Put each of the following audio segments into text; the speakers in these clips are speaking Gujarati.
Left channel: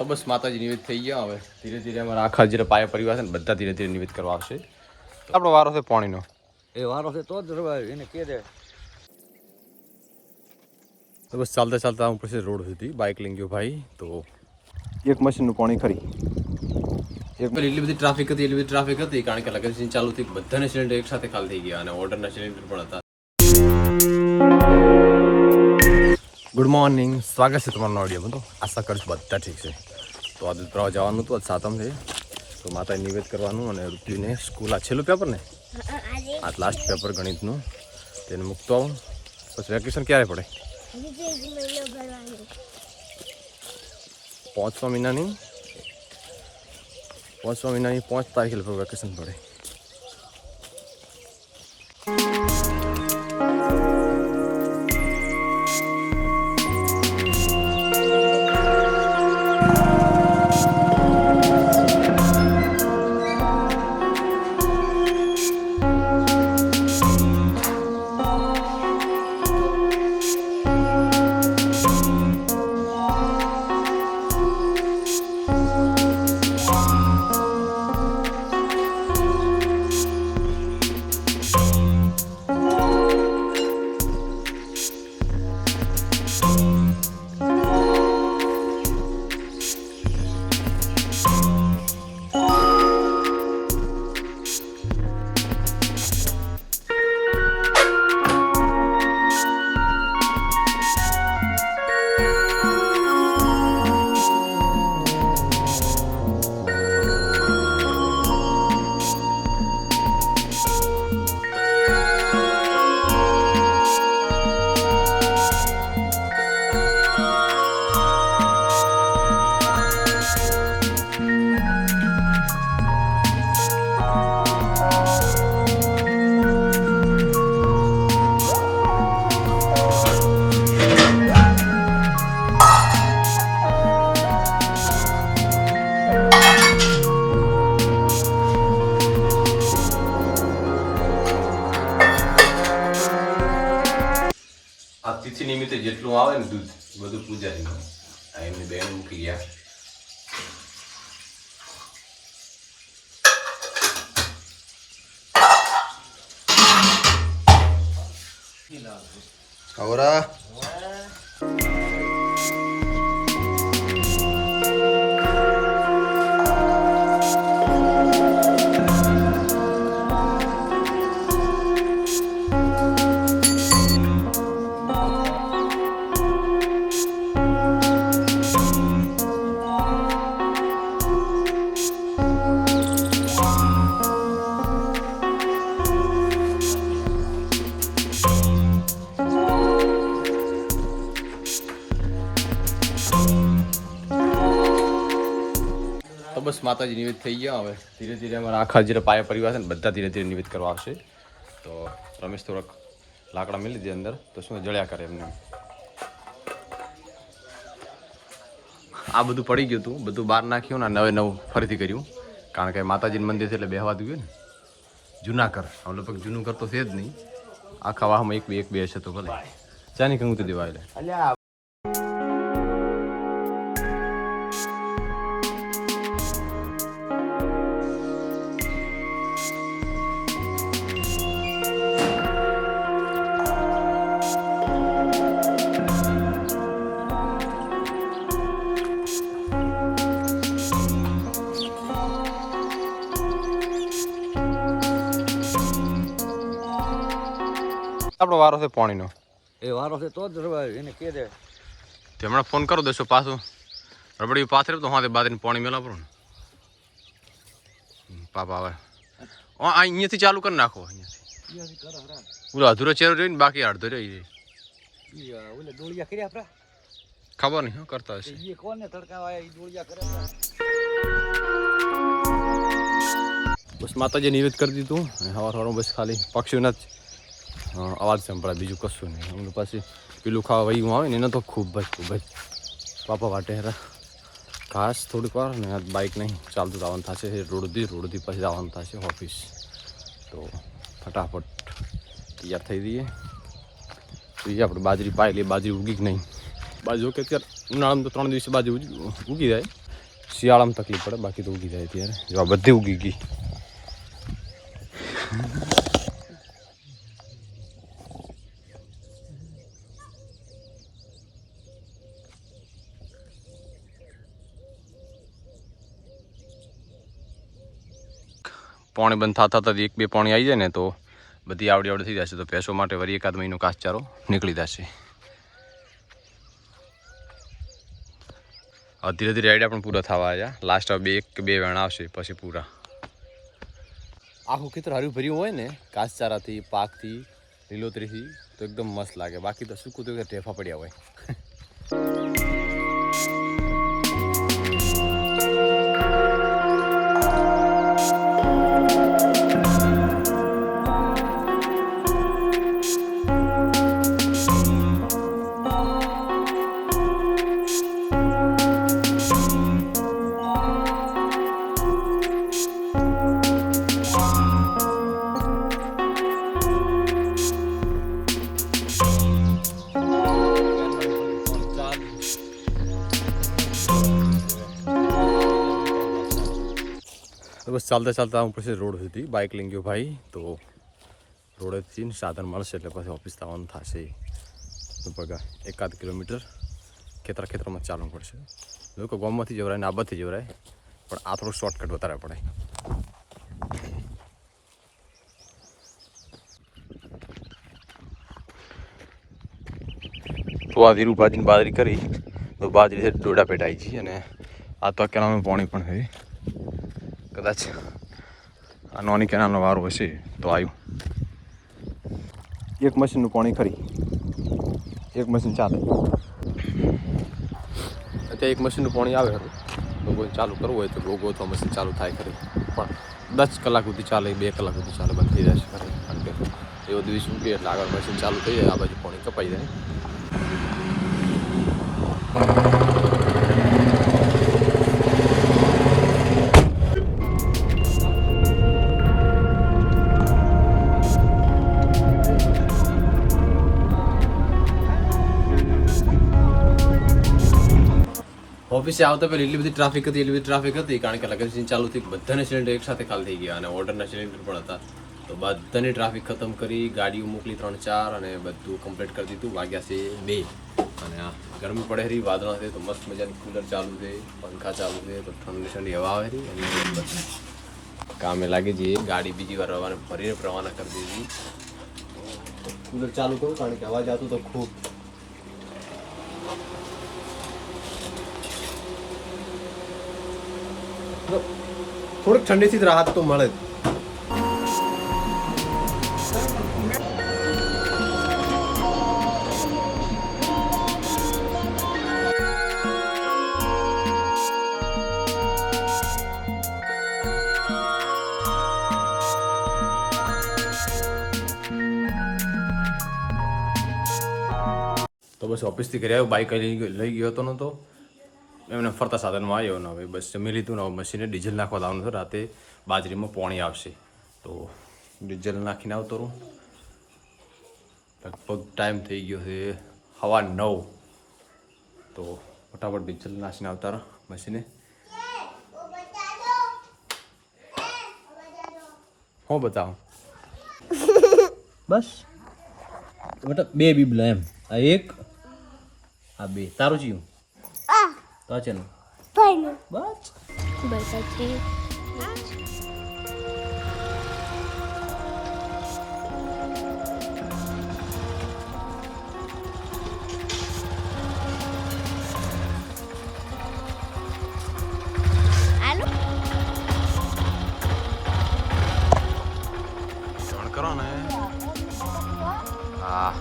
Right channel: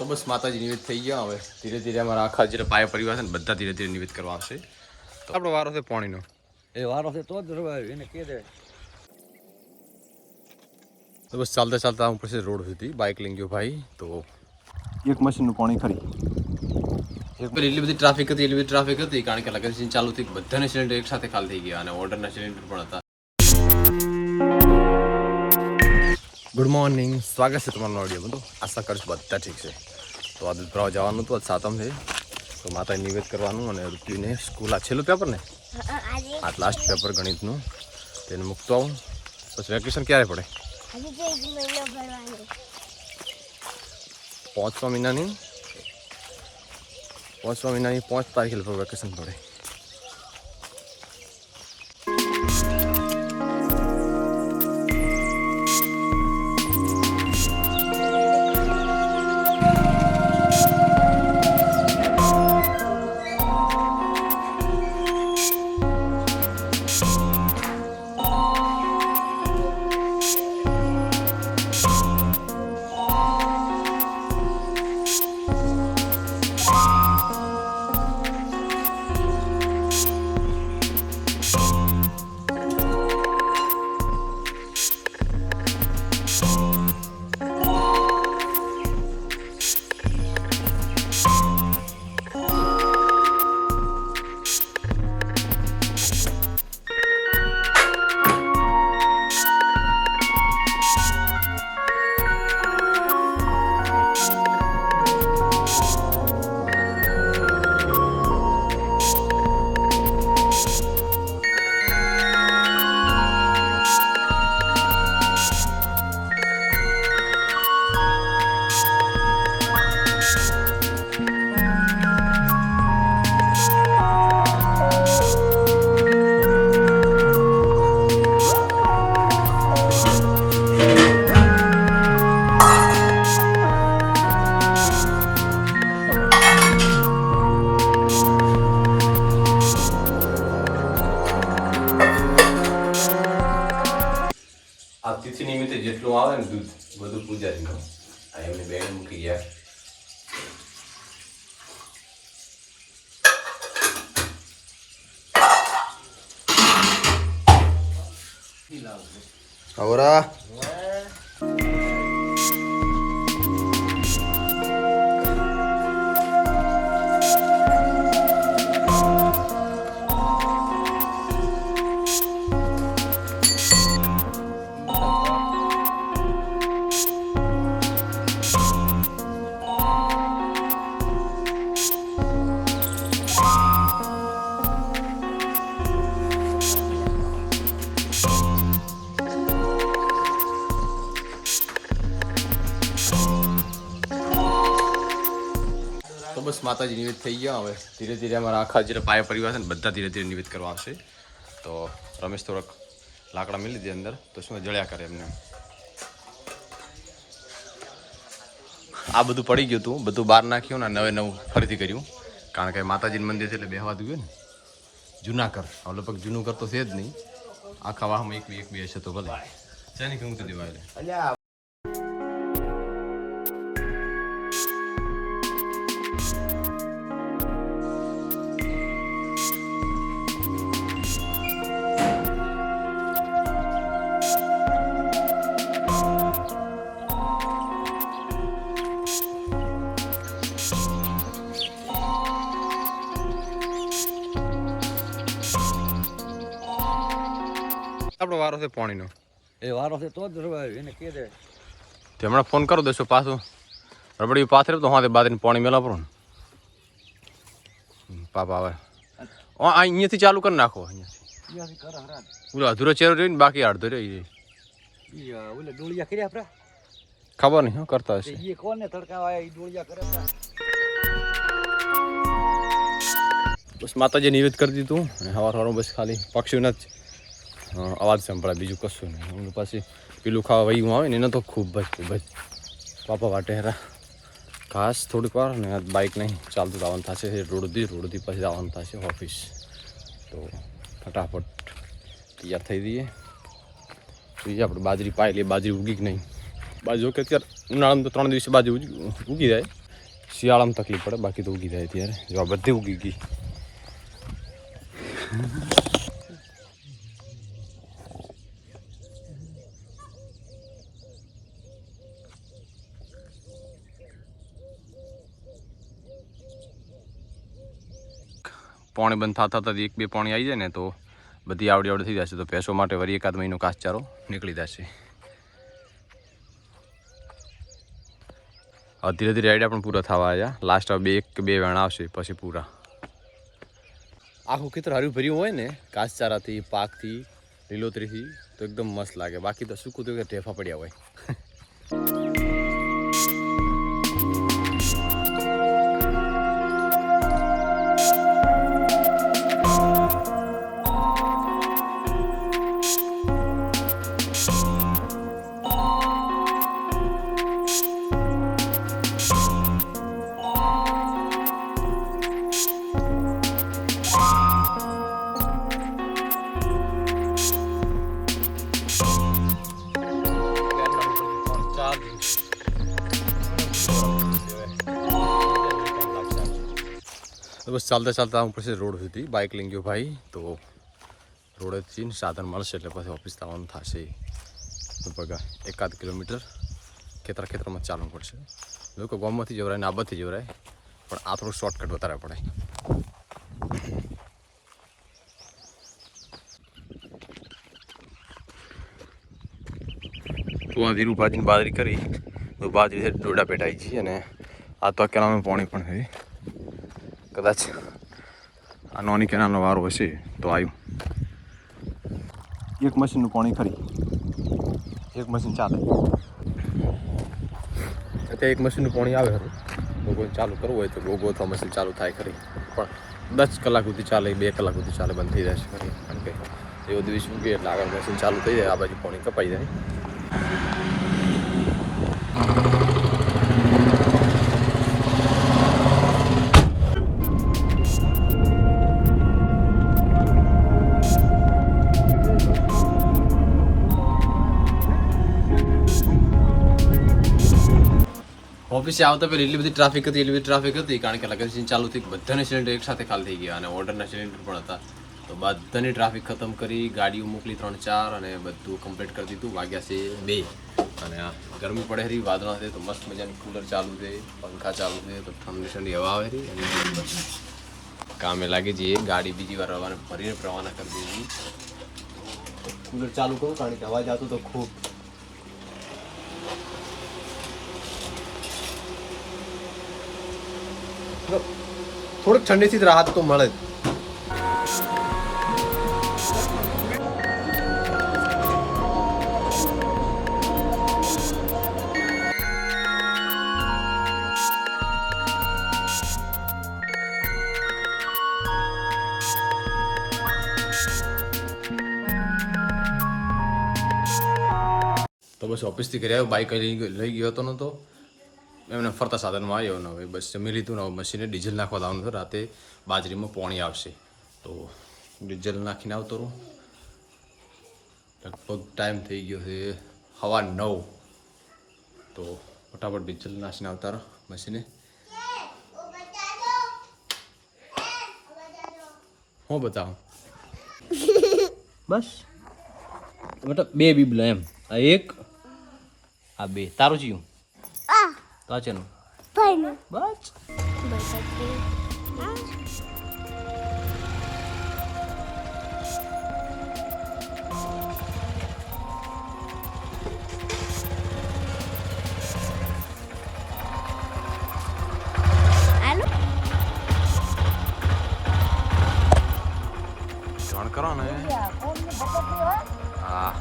તો બસ માતાજી નિવેદ થઈ ગયા. હવે ધીરે ધીરે અમારા આખા જે પાયા પરિવાર છે ને બધા ધીરે ધીરે નિવેદ કરવા આવશે. તો આપણો વારો છે પાણીનો. એ વારો છે તો જ રવાય એને કે દે. તો બસ ચાલતા ચાલતા હું પછી રોડ સુધી બાઇક લઈને ગયો ભાઈ. તો એક મશીનનું પાણી ખરી એટલી બધી ટ્રાફિક હતી કારણ કે લગન સીઝન ચાલુ થઈ બધાને સિલિન્ડર એક સાથે ખાલી થઈ ગયા અને ઓર્ડરના સિલિન્ડર પણ હતા. ગુડ મોર્નિંગ, સ્વાગત છે તમારો ઓડિયો બધું. આશા કરું છું બધા ઠીક છે. તો આ દૂધ ભરાવા જવાનું હતું, આજ સાતમ છે તો માતાએ નિવેદ કરવાનું અને ઋત્વિને સ્કૂલ આ છેલ્લું પેપર ને આ લાસ્ટ પેપર ગણિતનું તેને મૂકતો આવું. પછી વેકેશન ક્યારે પડે? 5મા મહિનાની 5 તારીખે લગભગ વેકેશન પડે. આ તિથિ નિમિત્તે જેટલું આવે ને દૂધ બધું પૂજારીનું આ એમની બેન મૂકી ગયા. આવરા તો બસ માતાજી નિવેદ થઈ ગયા. હવે ધીરે ધીરે અમારા આખા જે પાયા પરિવાર છે ને બધા ધીરે ધીરે નિવેદ કરવા આવશે. તો રમેશ થોડાક લાકડા મેલી દે અંદર તો શું જળ્યા કરે એમને. આ બધું પડી ગયું હતું, બધું બહાર નાખ્યું ને નવું ફરીથી કર્યું કારણ કે માતાજીનું મંદિર છે એટલે બેહવા દઉં ને જૂના કર. હવે લગભગ જૂનું કર તો છે જ નહીં, આખા વાહમાં એક બે છે તો ભલે ચાની કંગુ તો દેવા એટલે. આપણો વારો છે પાણીનો. એ વારો છે તો જ રવાય એને કે દે. તે હમણાં ફોન કરો દેશો પાછું રબડી પાથરે તો હા બાદ પાણી મેલા પડો ને પાપા આવે અહીંયાથી ચાલુ કરી નાખો. અહીંયાથી ઓલો અધૂરો ચેરો રહ્યો ને બાકી અડધો રહ્યો ખબર નહીં કરતા હશે. બસ માતાજી નિવેદ કરી દીધું અને સવાર બસ ખાલી પક્ષીઓના જ અવાજ સંભળાય, બીજું કશું નહીં. હું પાછી પેલું ખાવા વયું આવે ને એને તો ખૂબ જ પાપા વાટે હેરા ઘાસ થોડીક વાર ને બાઇક નહીં ચાલતું જવાનું થશે રોડથી પછી જવાનું થશે ઓફિસ. તો ફટાફટ તૈયાર થઈ દઈએ. આપણે બાજરી પાય એટલે બાજરી ઉગી જ નહીં. બાજુ કે અત્યારે ઉનાળામાં તો 3 દિવસે બાજરી ઉગી જાય શિયાળામાં તકલીફ પડે, બાકી તો ઉગી જાય ત્યારે. જો આ બધી ઉગી ગઈ. પાણી બંધ થતા થતા 1-2 પાણી આવી જાય ને તો બધી આવડી થઈ જશે. તો ભેંસો માટે વળી એકાદ મહિનો ઘાસચારો નીકળી જશે. ધીરે ધીરે આઈડિયા પણ પૂરા થવા આવ્યા. લાસ્ટ હવે 1 કે 2 વેણા આવશે પછી પૂરા. આખું ખેતર હર્યું ભર્યું હોય ને ઘાસચારાથી, પાકથી, લીલોતરીથી તો એકદમ મસ્ત લાગે. બાકી તો સૂકું તો કે ઢેફા પડ્યા હોય. તો બસ ચાલતા હું પછી રોડ સુધી બાઇક લઈ ગયો ભાઈ. તો રોડેથી સાધન મળશે એટલે પછી ઓફિસ આવવાનું થશે. લગભગ 1-8 કિલોમીટર ખેતરમાં ચાલવું પડશે. લોકો ગામમાંથી જવરાય ને આબાદથી જવરાય, પણ આ થોડું શોર્ટકટ વધારે પડે. તો આ ધીરું ભાજીને બાજરી કરી તો બાજરી છે ડોડા પેટાઈ છે. અને આ તો કેનાલમાં પાણી પણ છે. કદાચ આ નાની કેનાલનો વારો હશે તો આવ્યું. એક મશીનનું પાણી ખરી, એક મશીન ચાલે. અત્યારે એક મશીનનું પાણી આવે ખરું. તો કોઈ ચાલુ કરવું હોય તો ગોથવા મશીન ચાલુ થાય ખરી, પણ 10 કલાક સુધી ચાલે, 2 કલાક સુધી ચાલે, બંધ થઈ જાય ખરી. કારણ કે એવો દિવસ શું કે એટલે આગળ મશીન ચાલુ થઈ જાય, આ બાજુ પાણી કપાઈ જાય. ઓફિસે આવતા પહેલાં એટલી બધી ટ્રાફિક હતી કારણ કે લગન ચાલુ થઈ, બધાને સિલિન્ડર એક સાથે ખાલી થઈ ગયા અને ઓર્ડરના સિલિન્ડર પણ હતા. તો બધાની ટ્રાફિક ખતમ કરી, ગાડીઓ મોકલી 3-4 અને બધું કમ્પ્લીટ કરી દીધું. વાગ્યા છે 2 અને આ ગરમી પડે રહી, વાદળા છે તો મસ્ત મજાનું કુલર ચાલુ છે, પંખા ચાલુ છે તો ઠંડી હવા આવે રહી. અને બધું કામે લાગી જઈએ. ગાડી બીજી વાર ફરીને રવાના કરી દીધી. કુલર ચાલુ કરું કારણ કે અવાજ આવતું તો ખૂબ. થોડીક ઠંડીથી રાહત તો મળે જ. તો બસ ઓફિસથી ઘરે આવ્યો, બાઇક લઈ ગયો હતો નહોતો એમને ફરતા સાધનમાં આવ્યો ને હવે બસ જમી લીધું ને હવે મશીને ડીઝલ નાખવા લાવવાનું છે. રાતે બાજરીમાં પાણી આવશે તો ડીઝલ નાખીને આવતો રહું. લગભગ ટાઈમ થઈ ગયો છે 9:15 તો ફટાફટ ડીઝલ નાખીને આવતા રહો મશીને. હું બતાવું બસ મતલબ 2 બીબલા એમ. આ 1 આ 2 તારું જીવું તો આ ચેનું બસ જાણ કરો ને. હા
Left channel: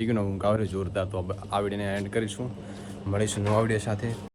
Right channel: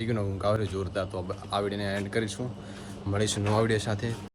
ઠીક ને હું ગાવરે જોરદાર. તો આ વિડીયોને એન્ડ કરીશું. મળીશું નવા વિડીયો સાથે.